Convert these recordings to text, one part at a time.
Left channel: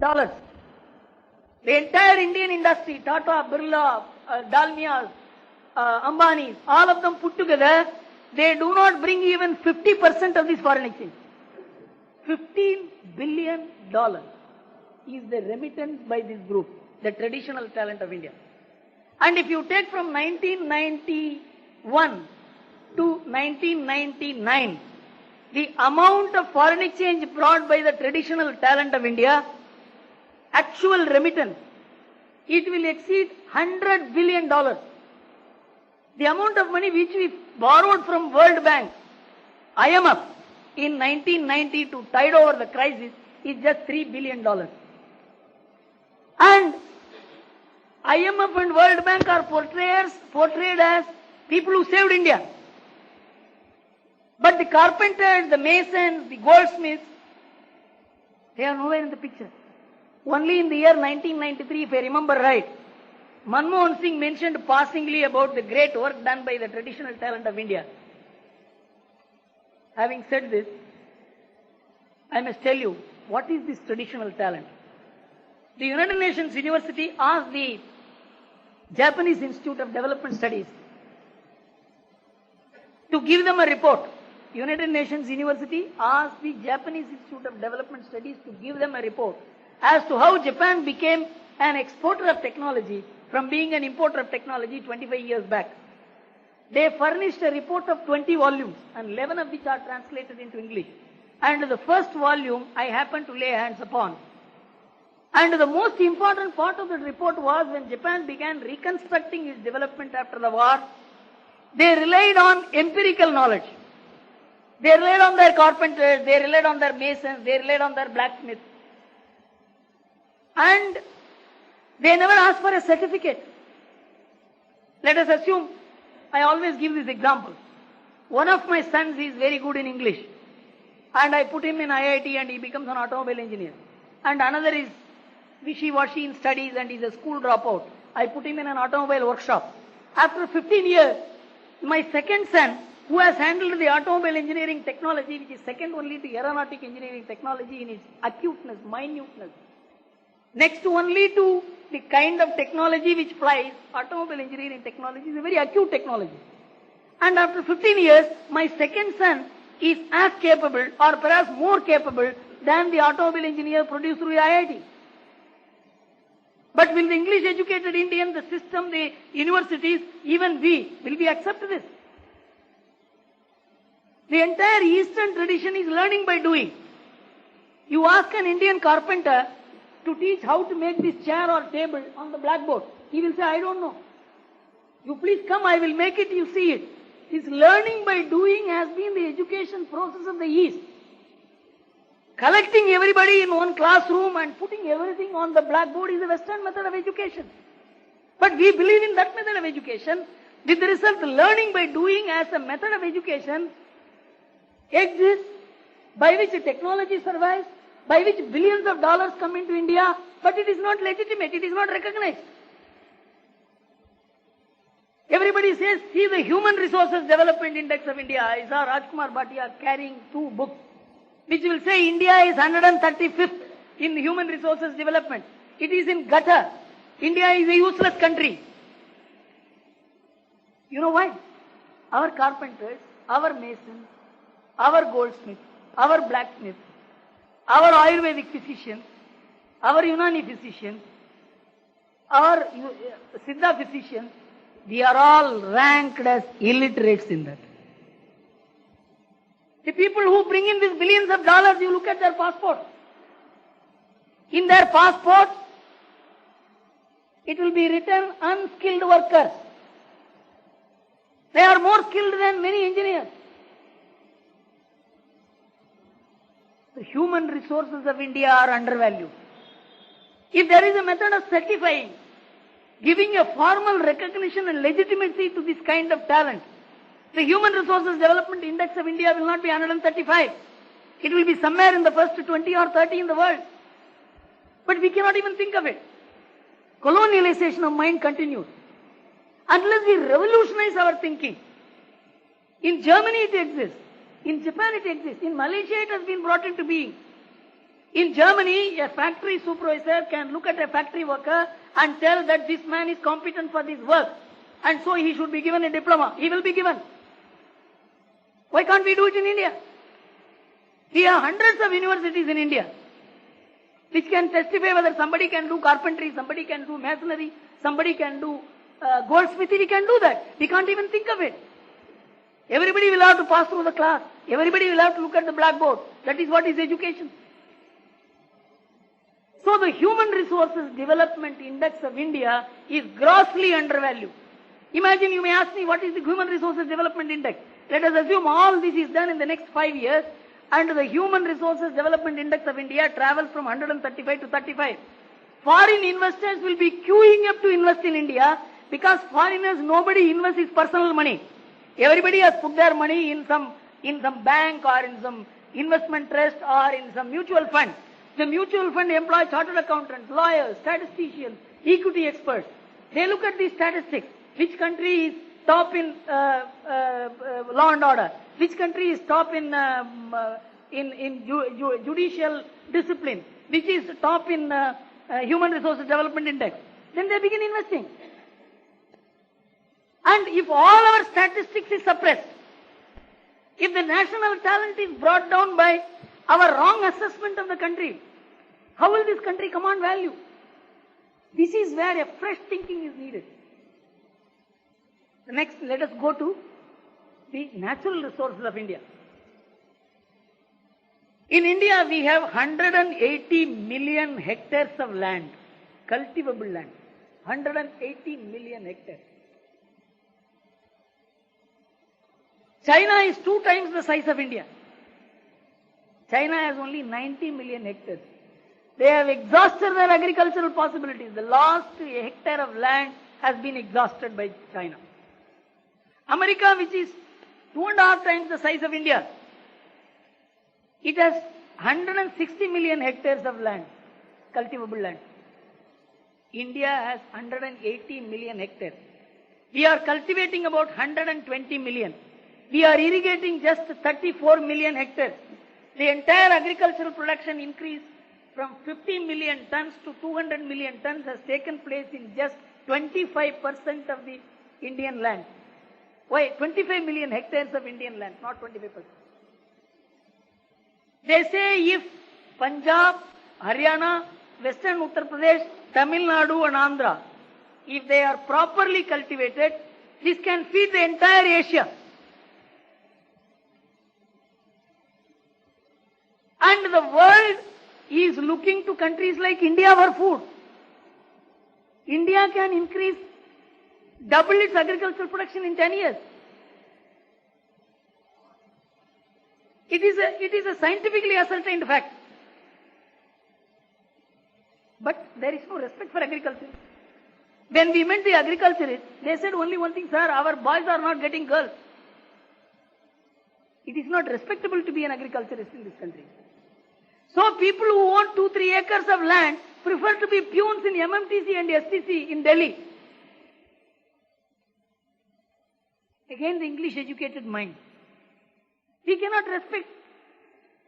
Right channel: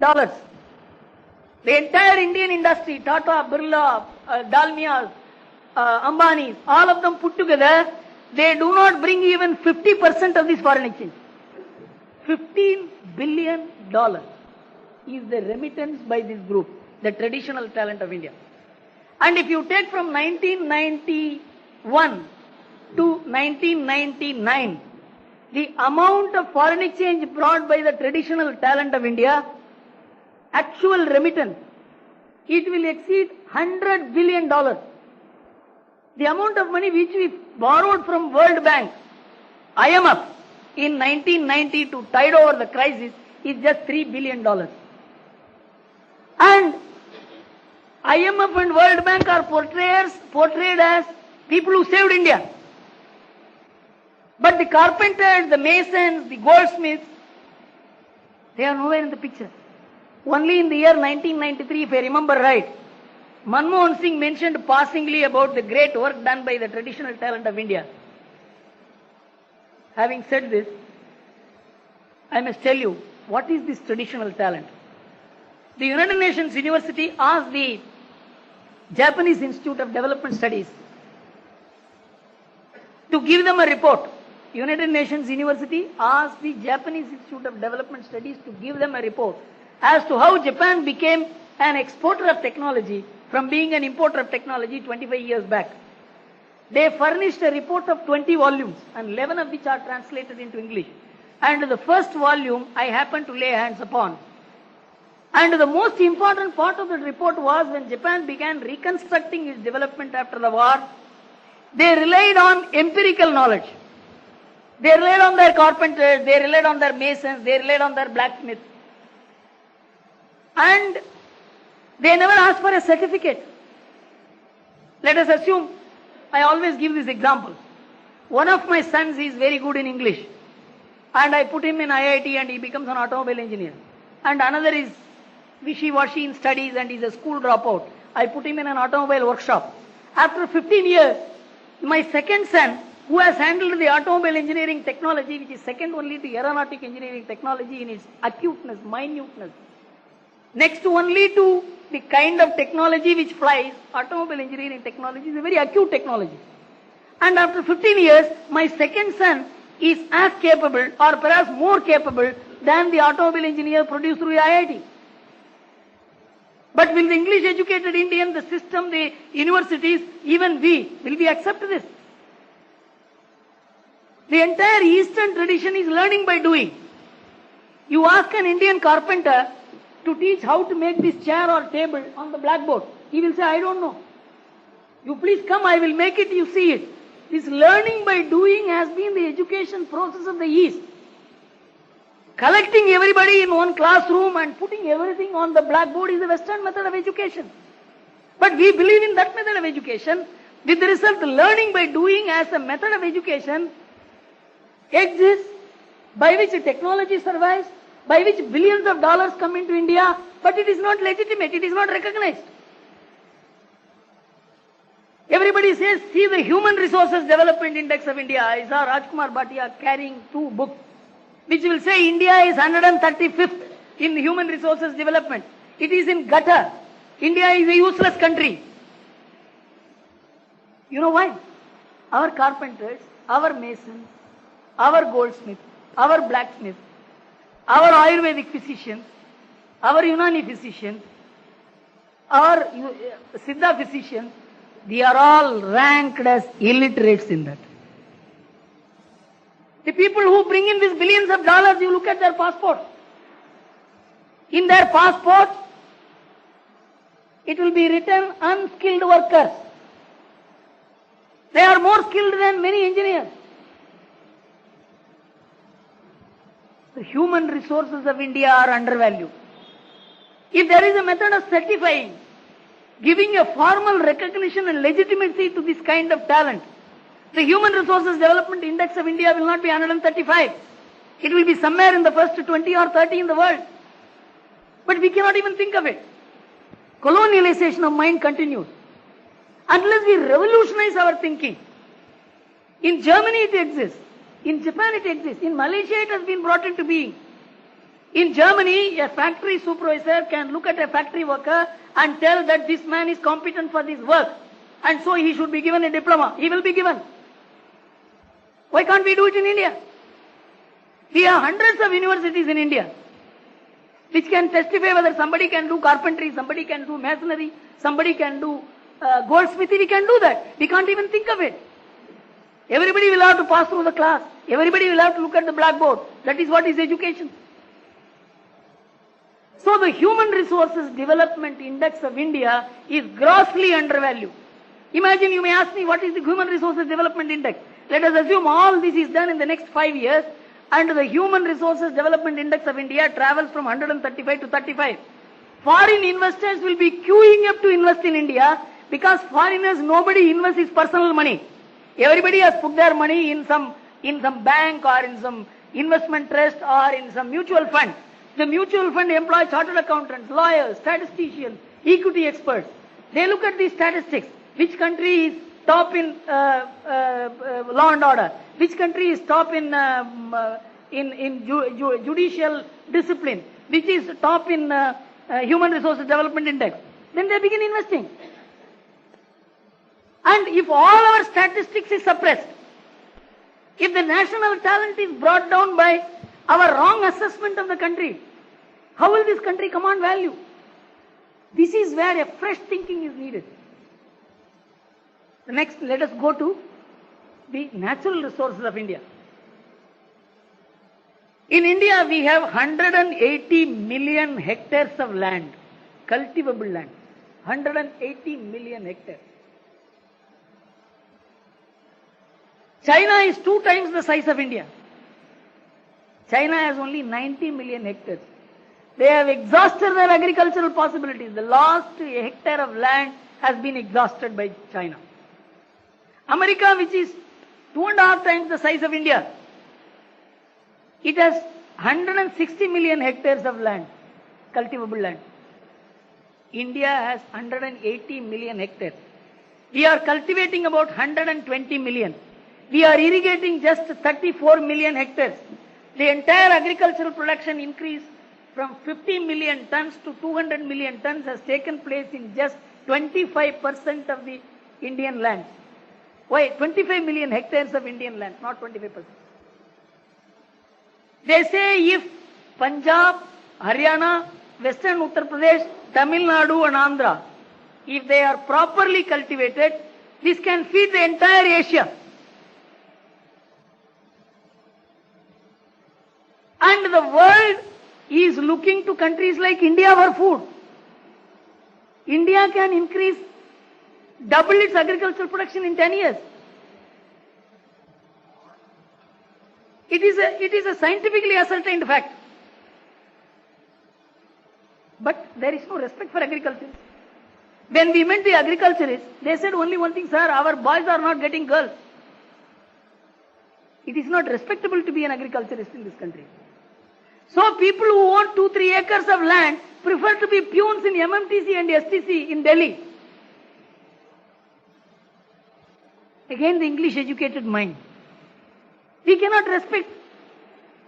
dollars. The entire Indian industry, Tata, Birla, Dalmias, Ambani, all of them put together, they do not bring even 50% of this foreign exchange. $15 billion is the remittance by this group, the traditional talent of India. And if you take from 1991 to 1999, the amount of foreign exchange brought by the traditional talent of India, actual remittance, it will exceed $100 billion. The amount of money which we borrowed from World Bank, IMF, in 1990 to tide over the crisis is just $3 billion. And IMF and World Bank are portrayed as people who saved India. But the carpenters, the masons, the goldsmiths, they are nowhere in the picture. Only in the year 1993, if I remember right, Manmohan Singh mentioned passingly about the great work done by the traditional talent of India. Having said this, I must tell you, what is this traditional talent? The United Nations University asked the Japanese Institute of Development Studies to give them a report. United Nations University asked the Japanese Institute of Development Studies to give them a report as to how Japan became an exporter of technology from being an importer of technology 25 years back. They furnished a report of 20 volumes, and 11 of which are translated into English. And the first volume I happened to lay hands upon. And the most important part of the report was when Japan began reconstructing its development after the war, they relied on empirical knowledge. They relied on their carpenters, they relied on their masons, they relied on their blacksmiths. And they never asked for a certificate. Let us assume, I always give this example. One of my sons is very good in English, and I put him in IIT and he becomes an automobile engineer. And another is wishy-washy in studies and is a school dropout. I put him in an automobile workshop. After 15 years, my second son, who has handled the automobile engineering technology, which is second only to aeronautic engineering technology in its acuteness, minuteness, next only to the kind of technology which flies, automobile engineering technology is a very acute technology. And after 15 years, my second son is as capable or perhaps more capable than the automobile engineer produced through IIT. But will the English educated Indian, the system, the universities, even we, will we accept this? The entire Eastern tradition is learning by doing. You ask an Indian carpenter to teach how to make this chair or table on the blackboard. He will say, I don't know. You please come, I will make it, you see it. This learning by doing has been the education process of the East. Collecting everybody in one classroom and putting everything on the blackboard is the Western method of education. But we believe in that method of education. With the result, learning by doing as a method of education exists, by which technology survives, by which billions of dollars come into India, but it is not legitimate, it is not recognized. Everybody says, see the Human Resources Development Index of India. I saw Rajkumar Bhatia carrying 2 books, which will say India is 135th in human resources development. It is in gutter. India is a useless country. You know why? Our carpenters, our masons, our goldsmiths, our blacksmiths, our Ayurvedic physicians, our Unani physicians, our Siddha physicians, they are all ranked as illiterates in that. The people who bring in these billions of dollars, you look at their passports. In their passports, it will be written unskilled workers. They are more skilled than many engineers. The human resources of India are undervalued. If there is a method of certifying, giving a formal recognition and legitimacy to this kind of talent, the Human Resources Development Index of India will not be 135. It will be somewhere in the first 20 or 30 in the world. But we cannot even think of it. Colonialization of mind continues. Unless we revolutionize our thinking. In Germany it exists. In Japan it exists. In Malaysia it has been brought into being. In Germany, a factory supervisor can look at a factory worker and tell that this man is competent for this work, and so he should be given a diploma. He will be given. Why can't we do it in India? We have hundreds of universities in India which can testify whether somebody can do carpentry, somebody can do masonry, somebody can do goldsmithy. We can do that. We can't even think of it. Everybody will have to pass through the class. Everybody will have to look at the blackboard. That is what is education. So the Human Resources Development Index of India is grossly undervalued. Imagine, you may ask me, what is the Human Resources Development Index? Let us assume all this is done in the next 5 years, and the Human Resources Development Index of India travels from 135 to 35. Foreign investors will be queuing up to invest in India because foreigners, nobody invests his personal money. Everybody has put their money in some bank or in some investment trust or in some mutual fund. The mutual fund employs chartered accountants, lawyers, statisticians, equity experts. They look at these statistics. Which country is top in law and order? Which country is top in judicial discipline? Which is top in Human Resources Development Index? Then they begin investing. And if all our statistics is suppressed, if the national talent is brought down by our wrong assessment of the country, how will this country command value? This is where a fresh thinking is needed. Next, let us go to the natural resources of India. In India, we have 180 million hectares of land, cultivable land. 180 million hectares. China is 2 times the size of India. China has only 90 million hectares. They have exhausted their agricultural possibilities. The last hectare of land has been exhausted by China. America, which is 2.5 times the size of India, it has 160 million hectares of land, cultivable land. India has 180 million hectares. We are cultivating about 120 million. We are irrigating just 34 million hectares. The entire agricultural production increase from 50 million tons to 200 million tons has taken place in just 25% of the Indian land. Why? 25 million hectares of Indian land, not 25%. They say if Punjab, Haryana, Western Uttar Pradesh, Tamil Nadu and Andhra, if they are properly cultivated, this can feed the entire Asia. And the world is looking to countries like India for food. India can increase, double its agricultural production in 10 years. It is a scientifically ascertained fact. But there is no respect for agriculture. When we met the agriculturists, they said only one thing, sir, our boys are not getting girls. It is not respectable to be an agriculturist in this country. So people who own 2-3 acres of land prefer to be peons in MMTC and STC in Delhi. Again, the English educated mind. We cannot respect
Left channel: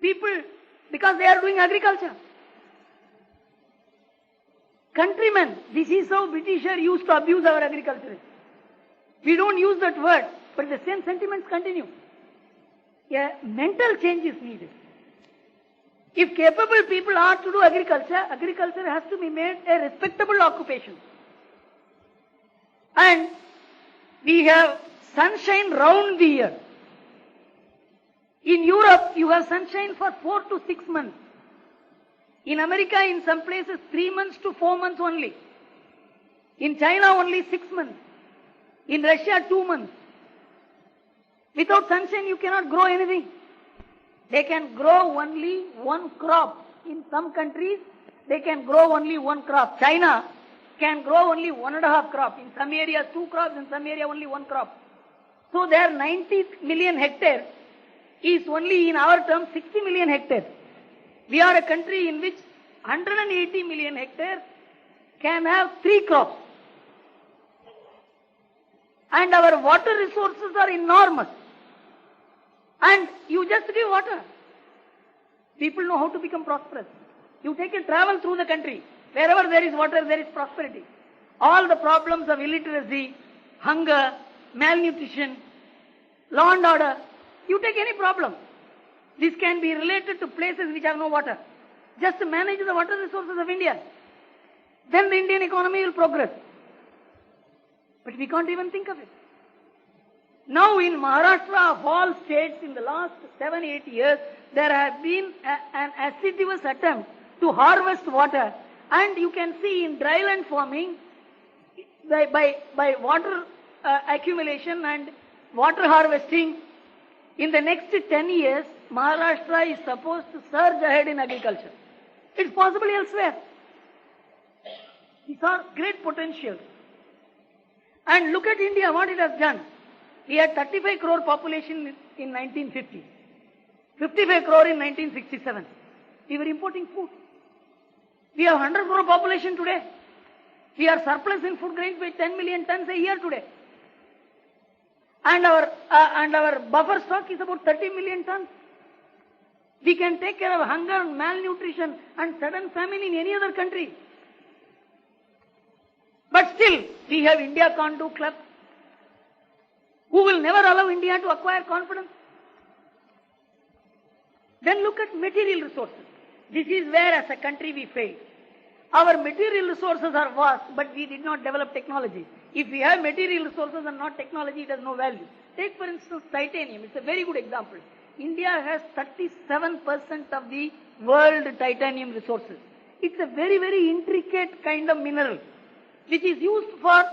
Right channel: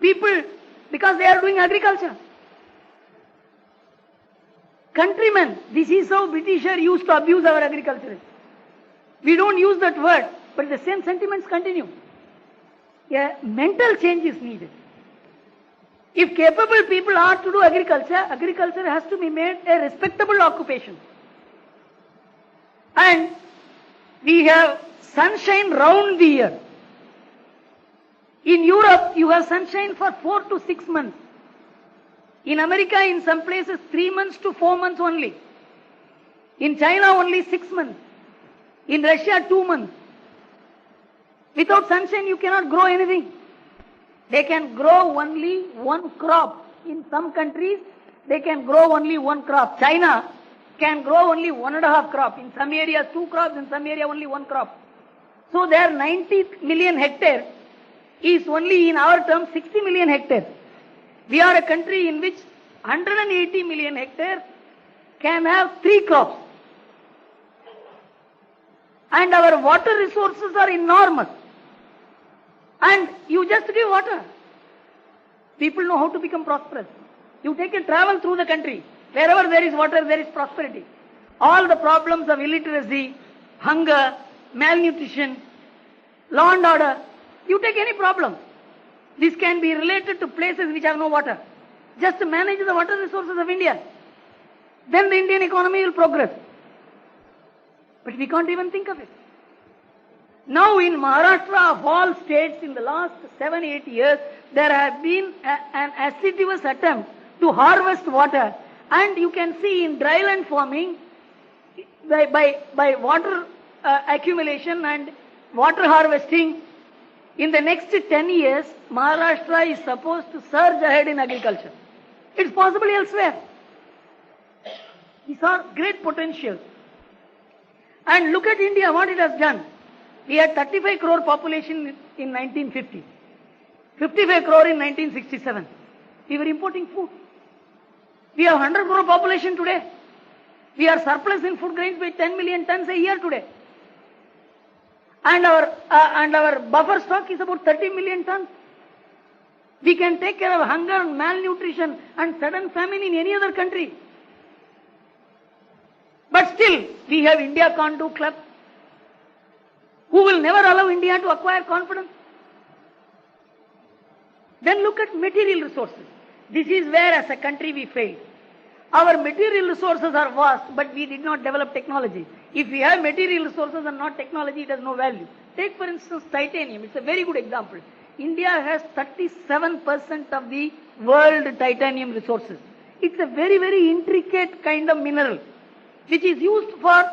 people because they are doing agriculture. Countrymen, this is how Britishers used to abuse our agriculturists. We don't use that word, but the same sentiments continue. A mental change is needed. If capable people are to do agriculture, agriculture has to be made a respectable occupation. And we have sunshine round the year. In Europe, you have sunshine for 4 to 6 months. In America, in some places, 3 months to 4 months only. In China, only 6 months. In Russia, 2 months. Without sunshine, you cannot grow anything. They can grow only one crop. In some countries, they can grow only one crop. China can grow only 1.5 crop. In some areas, 2 crops. In some area, only 1 crop. So their 90 million hectares is only, in our terms, 60 million hectares. We are a country in which 180 million hectares can have 3 crops. And our water resources are enormous. And you just give water. People know how to become prosperous. You take a travel through the country. Wherever there is water, there is prosperity. All the problems of illiteracy, hunger, malnutrition, law and order, you take any problem. This can be related to places which have no water. Just manage the water resources of India. Then the Indian economy will progress. But we can't even think of it. Now in Maharashtra, of all states, in the last 7-8 years, there has been an assiduous attempt to harvest water. And you can see in dryland farming, by water accumulation and water harvesting, in the next 10 years, Maharashtra is supposed to surge ahead in agriculture. It's possible elsewhere. These are great potentials. And look at India, what it has done. We had 35 crore population in 1950. 55 crore in 1967. We were importing food. We have 100 crore population today. We are surplus in food grains by 10 million tons a year today. And our buffer stock is about 30 million tons. We can take care of hunger, malnutrition and sudden famine in any other country. But still, we have India Can't Do Club, who will never allow India to acquire confidence. Then look at material resources. This is where as a country we fail. Our material resources are vast, but we did not develop technology. If we have material resources and not technology, it has no value. Take for instance titanium, it's a very good example. India has 37% of the world titanium resources. It's a very, very intricate kind of mineral, which is used for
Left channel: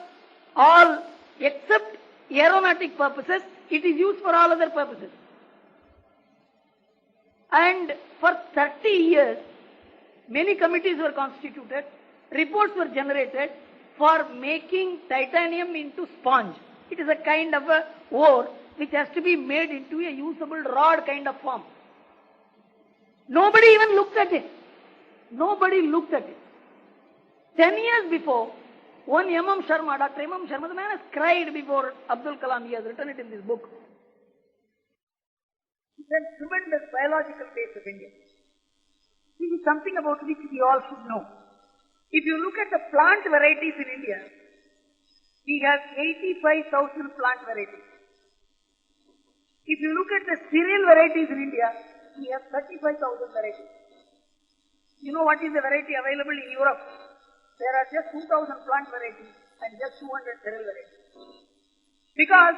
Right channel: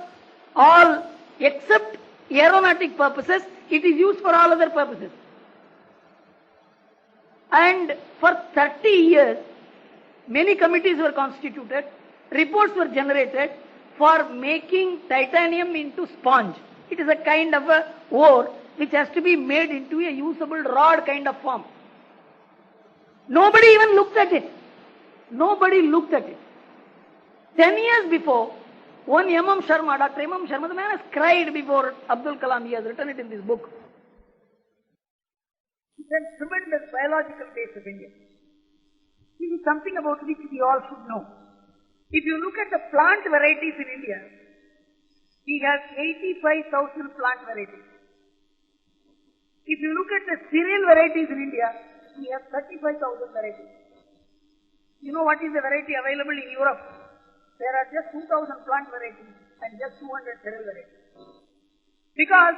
all, except aeronautic purposes, it is used for all other purposes. And for 30 years, many committees were constituted, reports were generated for making titanium into sponge. It is a kind of a ore which has to be made into a usable rod kind of form. Nobody even looked at it. Nobody looked at it. 10 years before, one M.M. Sharma, Dr. M.M. Sharma, the man has cried before Abdul Kalam. He has written it in this book. He said, tremendous biological base of India. This is something about which we all should know. If you look at the plant varieties in India, we have 85,000 plant varieties. If you look at the cereal varieties in India, we have 35,000 varieties. You know what is the variety available in Europe? There are just 2,000 plant varieties and just 200 cereal varieties. Because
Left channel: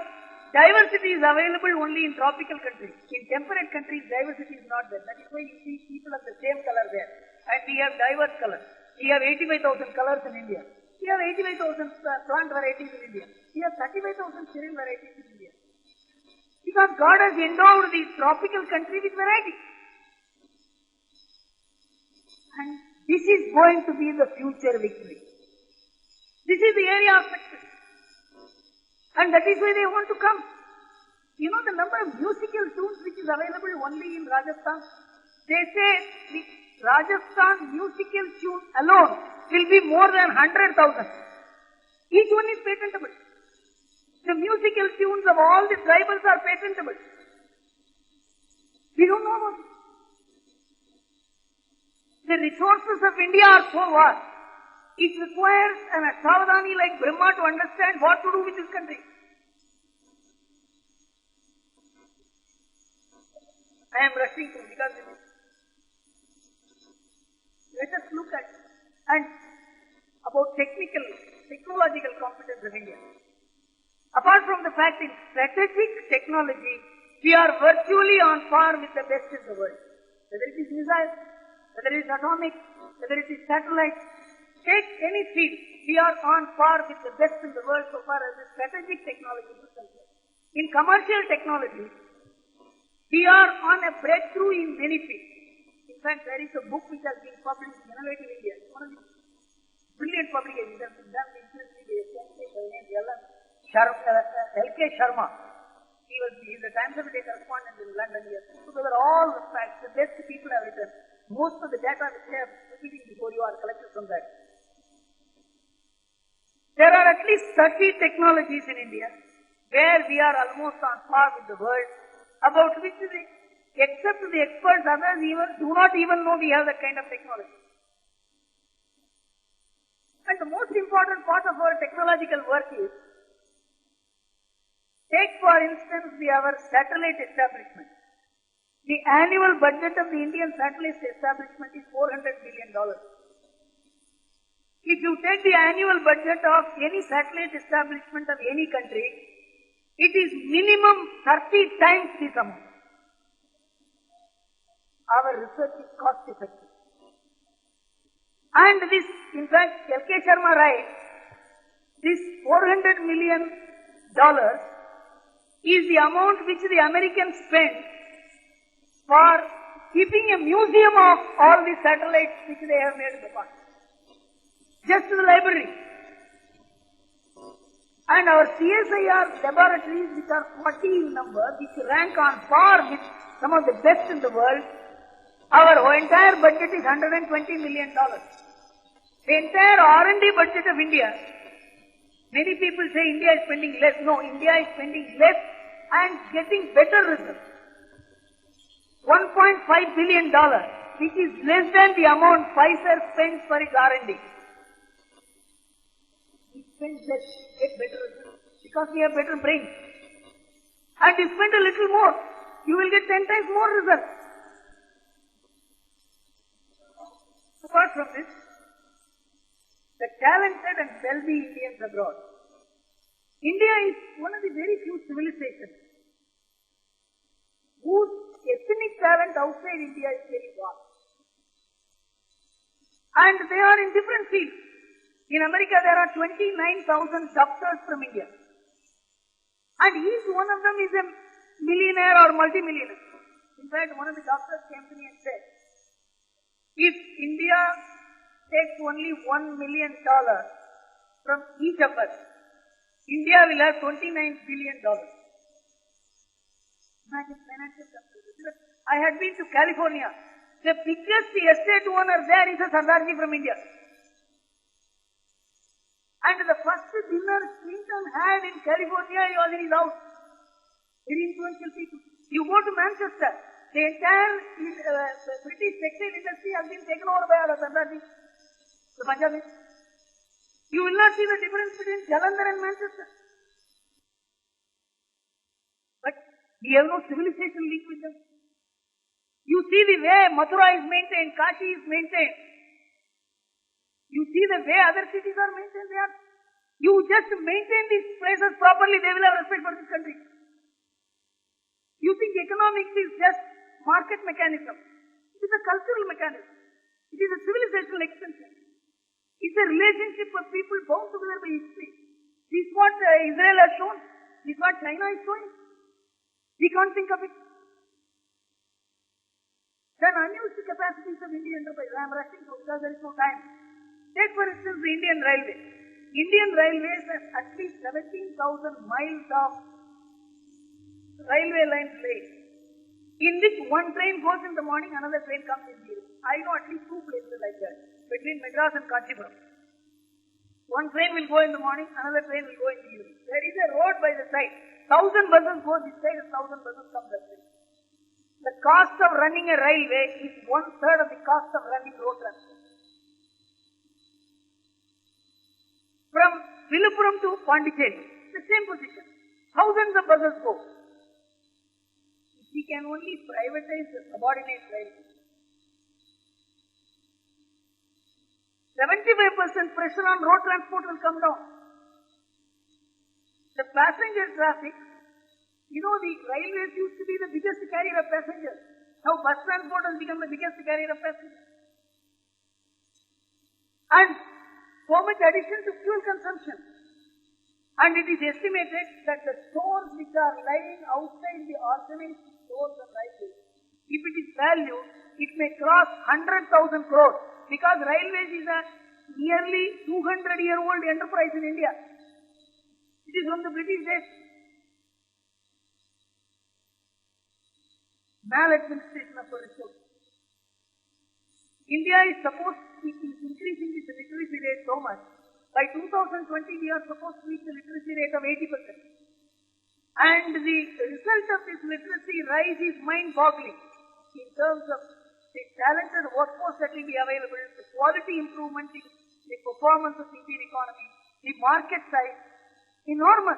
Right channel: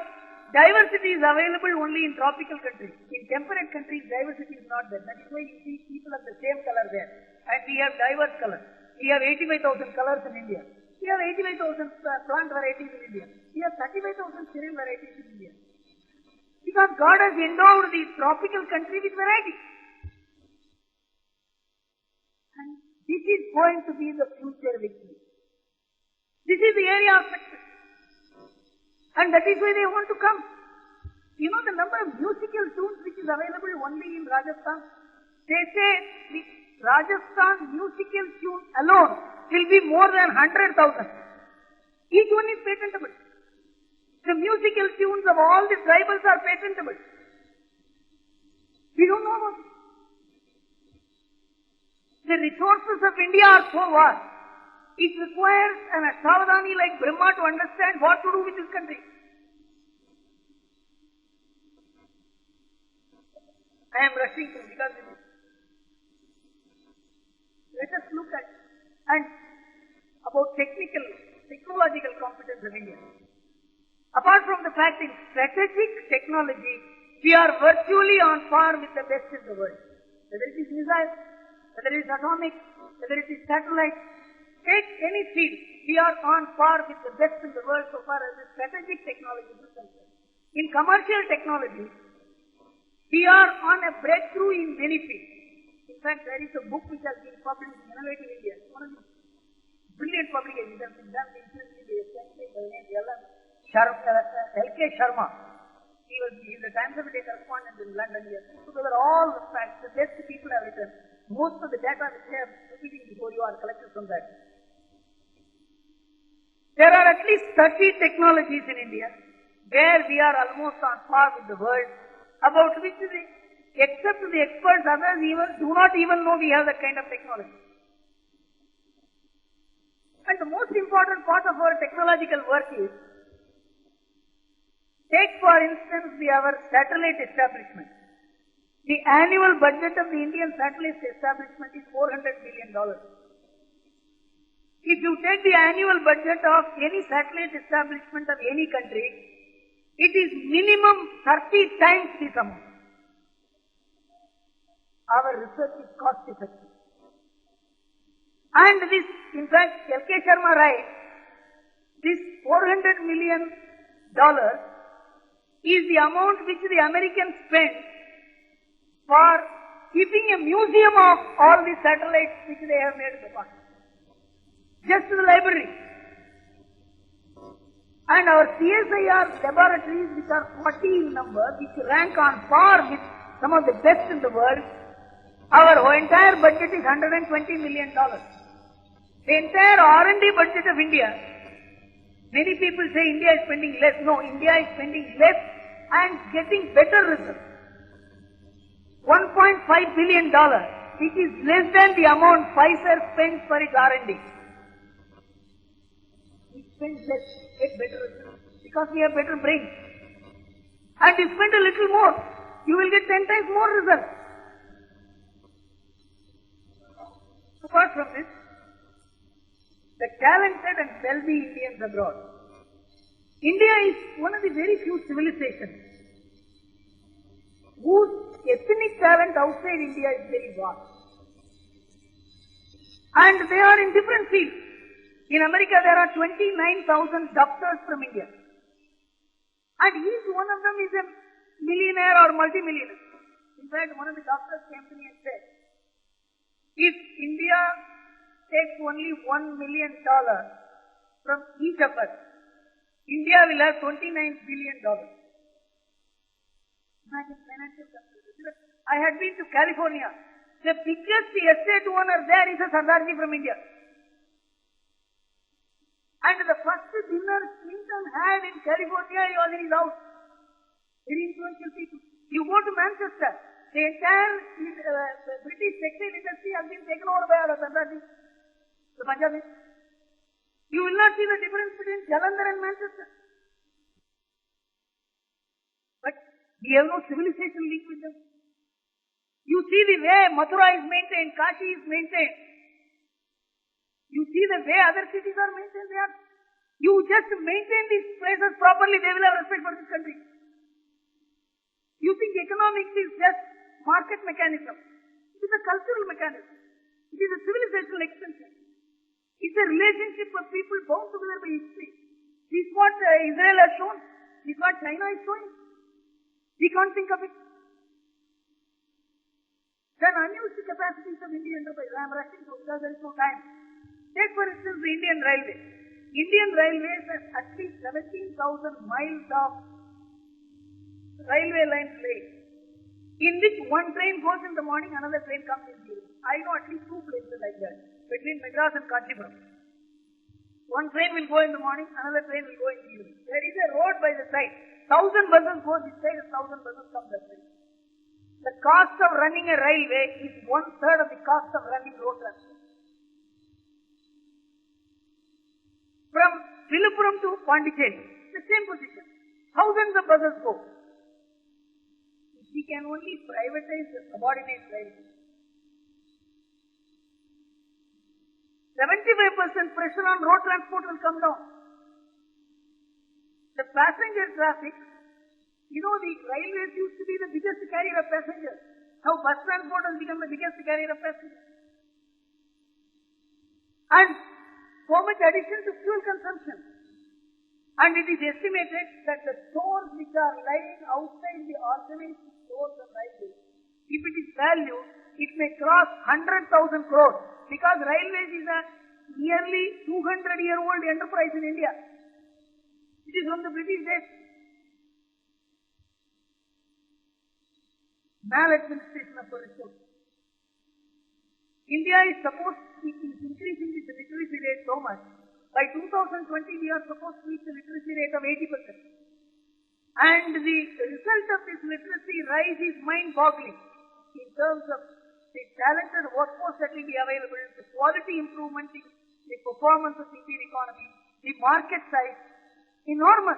diversity is available only in tropical countries. In temperate countries, diversity is not there. That is why you see people of the same color there. And we have diverse colors. We have 85,000 colors in India. We have 85,000 plant varieties in India. We have 35,000 cereal varieties in India. Because God has endowed the tropical country with variety. And this is going to be the future victory. This is the area of success. And that is why they want to come. You know the number of musical tunes which is available only in Rajasthan? They say the Rajasthan musical tune alone will be more than 100,000. Each one is patentable. The musical tunes of all the tribals are patentable. We don't know about it. The resources of India are so vast. It requires an Savadani like Brahma to understand what to do with this country. I am rushing through because let us look at and about technological competence of India. Apart from the fact in strategic technology, we are virtually on par with the best in the world. Whether it is missiles, whether it is atomic, whether it is satellite, take any field, we are on par with the best in the world so far as the strategic technology is concerned. In commercial technology, we are on a breakthrough in many fields. In fact, there is a book which has been published in Innovative India. It's one of the brilliant publications that has been done recently by a scientist by the name L.K. Sharma. He is the Times of India correspondent in London. He has put together all the facts. The best people have written. Most of the data which I have repeating before you are collected from that. There are at least 30 technologies in India where we are almost on par with the world, about which, except the experts, others even do not even know we have that kind of technology. important part of our technological work is, take for instance our satellite establishment. The annual budget of the Indian satellite establishment is $400 billion. If you take the annual budget of any satellite establishment of any country, it is minimum 30 times this amount. Our research is cost effective. And this, in fact, L.K. Sharma writes, this $400 million is the amount which the Americans spend for keeping a museum of all the satellites which they have made in the past. Just the library. And our CSIR laboratories, which are 40 in number, which rank on par with some of the best in the world, our entire budget is $120 million. The entire R&D budget of India, many people say India is spending less. No, India is spending less and getting better results. $1.5 billion. It is less than the amount Pfizer spends for its R&D. We spend less, get better results, because we have better brains. And you spend a little more, you will get 10 times more results. Apart from this, the talented and wealthy Indians abroad. India is one of the very few civilizations whose ethnic talent outside India is very vast. And they are in different fields. In America there are 29,000 doctors from India. And each one of them is a millionaire or multimillionaire. In fact, one of the doctors came to me and said, if India takes only $1 million from each of us, India will have $29 billion. Imagine financial capitalism. I had been to California. The biggest estate owner there is a Sardarji from India. And the first dinner Clinton had in California, he was in his house. Very influential people. You go to Manchester, the entire British textile industry has been taken over by Sardarji, the Punjabis. You will not see the difference between Jalandhar and Manchester. But we have no civilization linked with them. You see the way Mathura is maintained, Kashi is maintained. You see the way other cities are maintained. You just maintain these places properly, they will have respect for this country. You think economics is just market mechanism. It is a cultural mechanism. It is a civilizational extension. It's a relationship of people bound together by history. This is what Israel has shown. This is what China is showing. We can't think of it. Then unused capacities of Indian enterprise. I am rushing to because there is no time. Take for instance the Indian Railway. Indian Railways have at least 17,000 miles of railway lines laid, in which one train goes in the morning, another train comes in the evening. I know at least two places like that, between Madras and Kanchipuram. One train will go in the morning, another train will go in the evening. There is a road by the side. 1,000 buses go this side and 1,000 buses come that side. The cost of running a railway is 1/3 of the cost of running road transport. From Viluppuram to Pondicherry, the same position. Thousands of buses go. We can only privatize the subordinate railway. 75% pressure on road transport will come down. The passenger traffic, the railways used to be the biggest carrier of passengers. Now bus transport has become the biggest carrier of passengers. And so much addition to fuel consumption. And it is estimated that the stores which are lying outside the organized stores of railways, if it is valued, it may cross 100,000 crores, because railways is a nearly 200-year-old enterprise in India. It is from the British days. Maladministration of resources. India is supposed to be increasing its literacy rate so much. By 2020, we are supposed to reach a literacy rate of 80%. And the result of this literacy rise is mind-boggling in terms of the talented workforce that will be available, the quality improvement in the performance of the Indian economy, the market size enormous.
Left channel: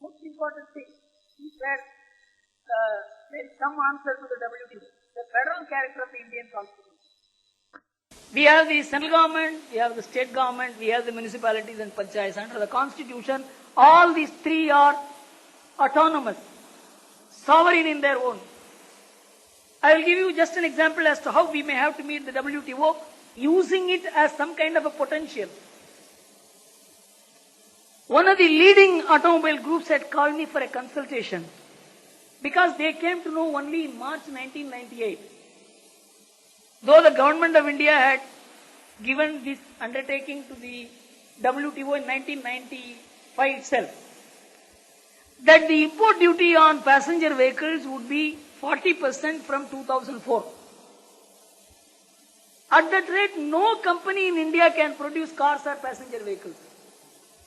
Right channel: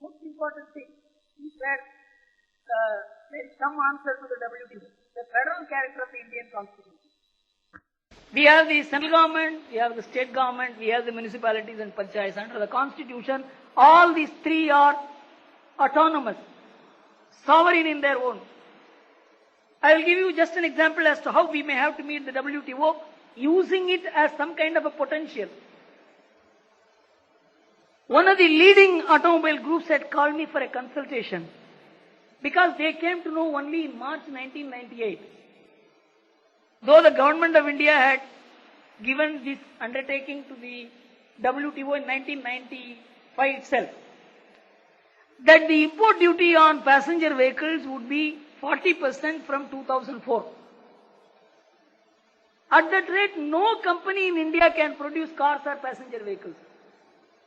Most important thing is that there is some answer to the WTO, the federal character of the Indian Constitution. We have the central government, we have the state government, we have the municipalities and panchayats. Under the Constitution, all these three are autonomous, sovereign in their own. I will give you just an example as to how we may have to meet the WTO, using it as some kind of a potential. One of the leading automobile groups had called me for a consultation because they came to know only in March 1998. Though the government of India had given this undertaking to the WTO in 1995 itself, that the import duty on passenger vehicles would be 40% from 2004. At that rate, no company in India can produce cars or passenger vehicles.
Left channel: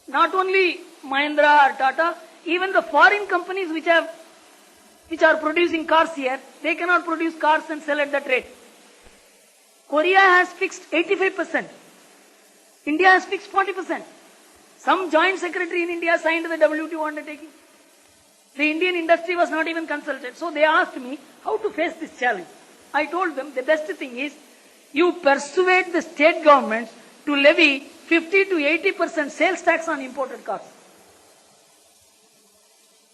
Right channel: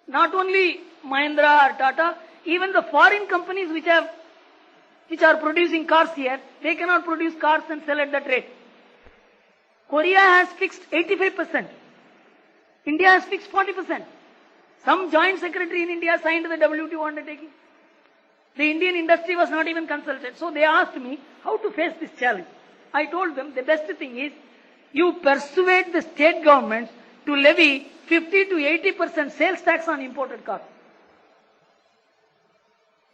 Not only Mahindra or Tata, even the foreign companies which are producing cars here, they cannot produce cars and sell at that rate. Korea has fixed 85%. India has fixed 40%. Some joint secretary in India signed the WTO undertaking. The Indian industry was not even consulted. So they asked me how to face this challenge. I told them the best thing is you persuade the state governments to levy 50 to 80% sales tax on imported cars.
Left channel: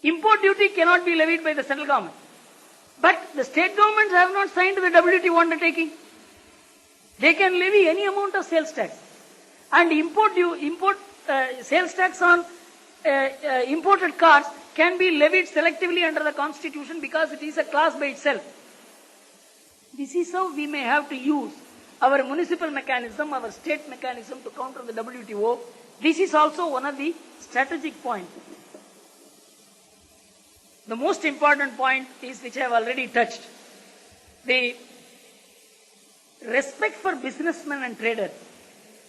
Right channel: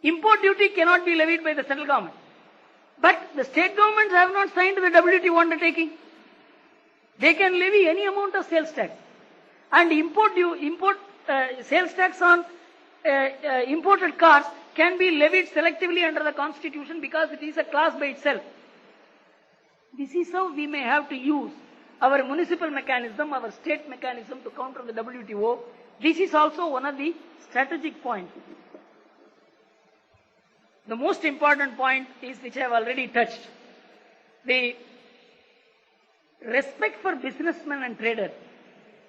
Import duty cannot be levied by the central government. But the state governments have not signed the WTO undertaking. They can levy any amount of sales tax. And sales tax on imported cars can be levied selectively under the Constitution because it is a class by itself. This is how we may have to use our municipal mechanism, our state mechanism to counter the WTO. This is also one of the strategic points. The most important point is, which I have already touched, the respect for businessmen and traders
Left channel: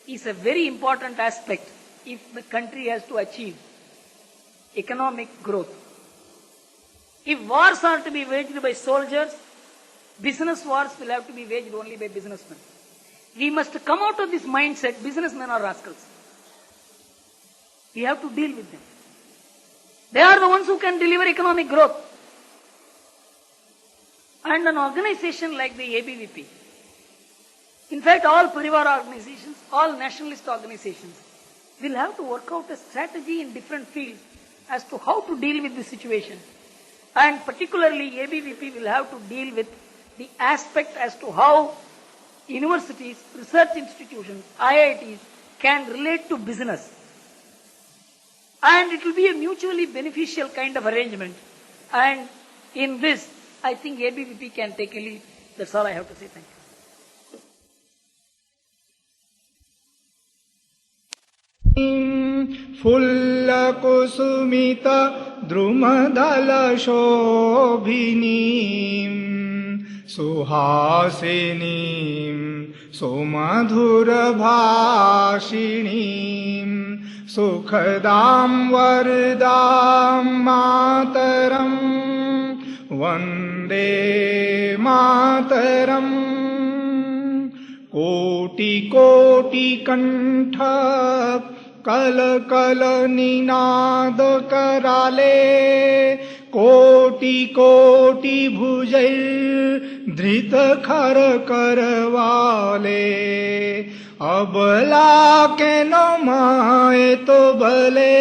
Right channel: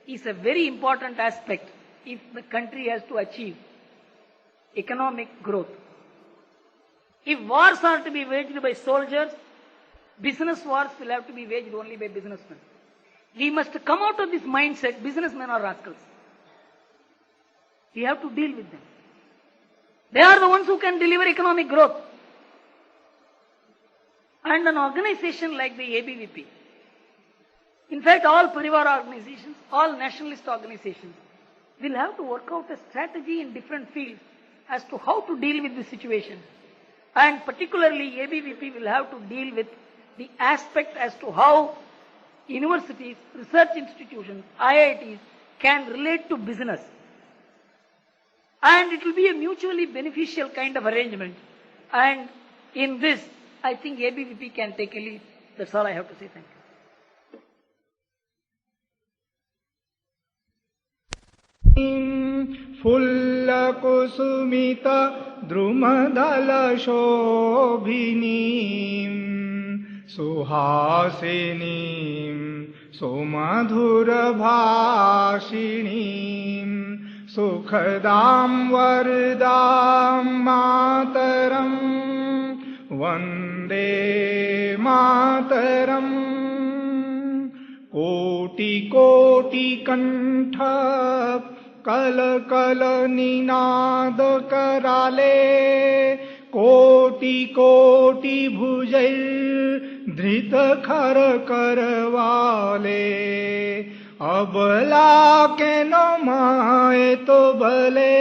is a very important aspect if the country has to achieve economic growth. If wars are to be waged by soldiers, business wars will have to be waged only by businessmen. We must come out of this mindset, businessmen are rascals. We have to deal with them. They are the ones who can deliver economic growth. And an organization like the ABVP, in fact all Parivar organizations, all nationalist organizations, will have to work out a strategy in different fields as to how to deal with the situation. And particularly ABVP will have to deal with the aspect as to how universities, research institutions, IITs can relate to business. And it will be a mutually beneficial kind of arrangement. And in this, I think ABVP can take a lead. That's all I have to say. Thank you. Fulla kusumita drumadala shobhinim suhasinim somadhura bhashinim sukhadam vardam mataram vande mataram koti koti kantha कल कल निनाद कराले कोटि कोटि भुजैर धृत खर करवाले अबला के no माए तो बले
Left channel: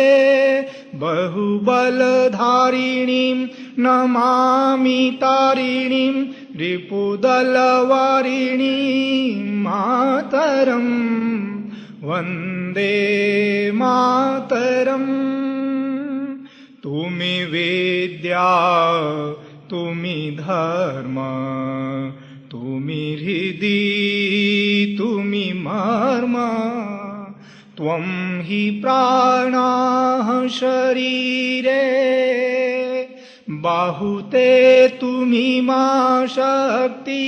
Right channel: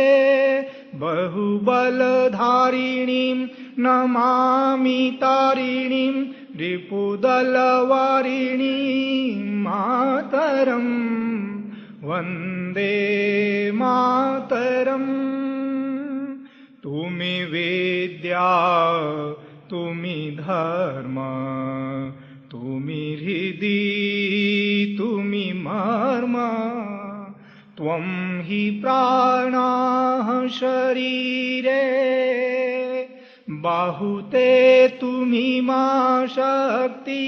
बहुबल धारिणीं नमामि तारिणीं रिपुदल वारिणीं मातरम् वंदे मातरम तुमि विद्या तुमि धर्म तुमि हृदि तुमि मर्म त्वं हि प्राणाः शरीरे बाहुते तुमि मा शक्ति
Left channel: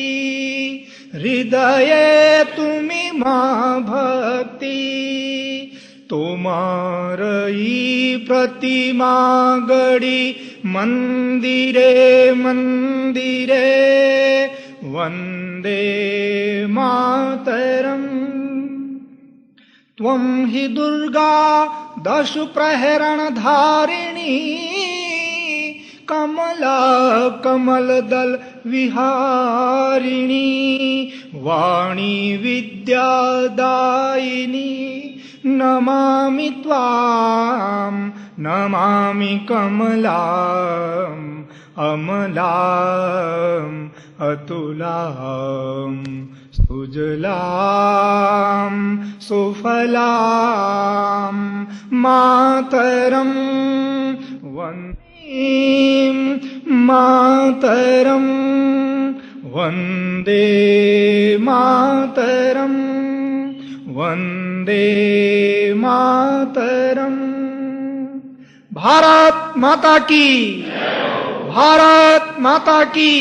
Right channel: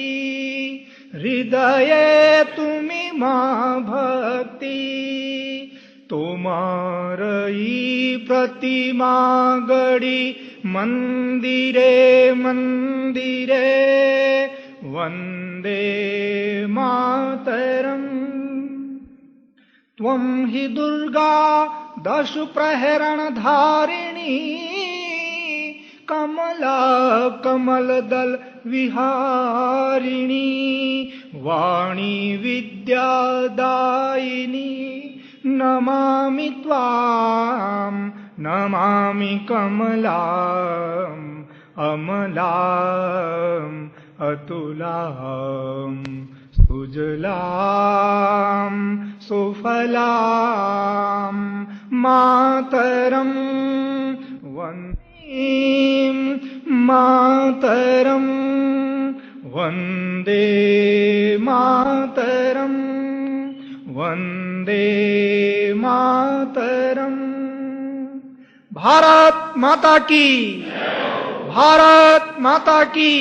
हृदये तुमि मा भक्ति तुम्हारी प्रतिमा गढ़ी मंदिरे मंदिरे वंदे मा त्वं हि दुर्गा दशु प्रहरण धारिणी कमला कमलदल विहारिणी वाणी विद्यादायिनी नमामि त्वां नमामि कमलाम् अमलाम् अतुलाम् सुजलाम् सुफलाम् मातरम् वन्दे मातरम् वन्दे मातरम् वन्दे मातरम्। भारत माता की, भारत माता की।